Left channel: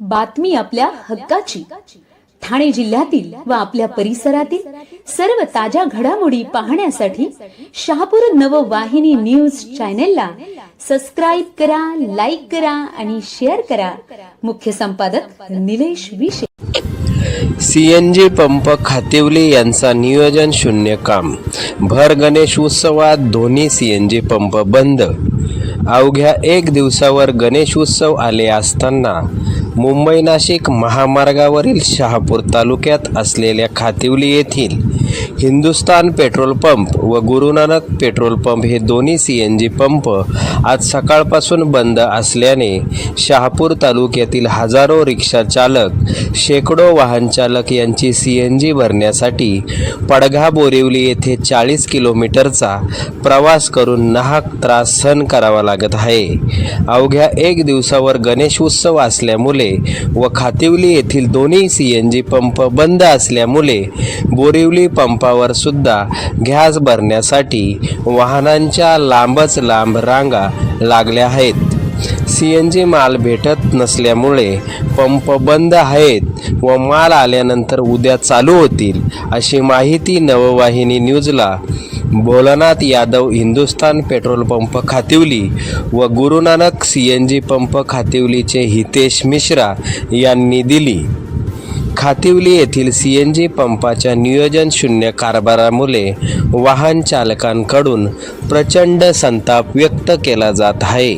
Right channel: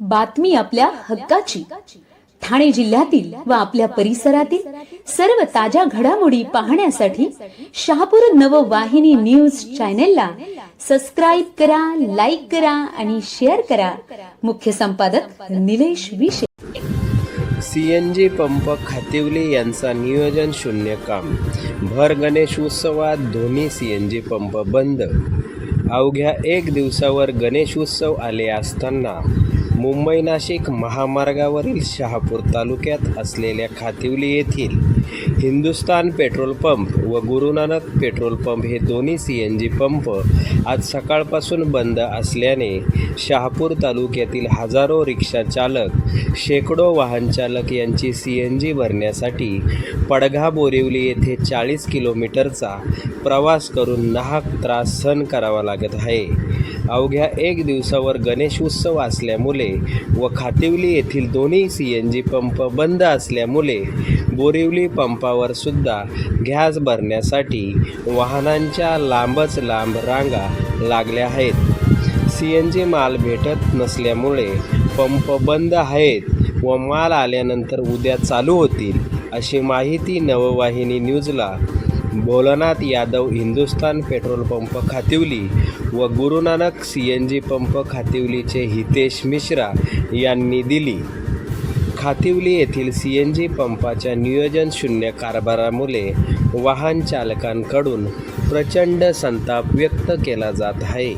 बातमी आपल्या हक्काची. ठाणे जिल्ह्यातील व आपल्या परिसरातील सर्व ताज्या घडामोडी पाहण्यासाठी शहापूर नववाहिनी न्यूज चॅनेलला सबस्क्राईब करा लाईक करा आणि शेअर करा. मुख्य संपादक निलेश विशे. सीएनजी पंप खातिवले यांचा नियोजन शून्य काम. भर गणेश उत्सवात दोन्ही सीएनजी पंप बंद. अवघ्या एक दिवसावर गणेश उत्सव आले असताना मुंबई नाशिक महामार्गावरील शहापूर तालुक्यात असलेल्या खातिवली येथील हिंदुस्तान पेट्रोल पंप व गुरुनानक पेट्रोल पंप हे दोन्ही सी एन जी पंप आज सकाळपासून बंद असल्याने शहापूर तालुक्यातील हजारो रिक्षा चालक शेकडो वाहन चालक यांची सी एन जी भरण्यासाठी पडघा बोरिवली येथे चाळीस किलोमीटरचा प्रवास करून नाहक त्रास सहन करावा लागत आहे. अवघ्या एक दिवसावर गणेश उत्सव असल्यामुळे व खातिवली येथील दोन्ही सी एन जी पंप बंद असल्यामुळे बोरिवली पंपावर सुद्धा गॅस भरण्यासाठी वाहनांच्या लांबच लांब रांगा लागल्या आहेत. सी एन जी माल भेटत नसल्यामुळे पंप बंद आहेत व माल आल्यानंतर उद्या चालू होतील अशी माहिती नववाहिनी न्यूजला भोलानाथ यादव हिंदुस्थान पेट्रोल पंप खातिवली व Gurunanak C N G pump खातिवलीचे Hitesh Mishra यांनी दिली. खातिवली येथील सी एन जी पंपाच्या नियोजन शून्य कारभारामुळे वाहन चालकांकडून प्रचंड संताप व्यक्त केला जात आहे.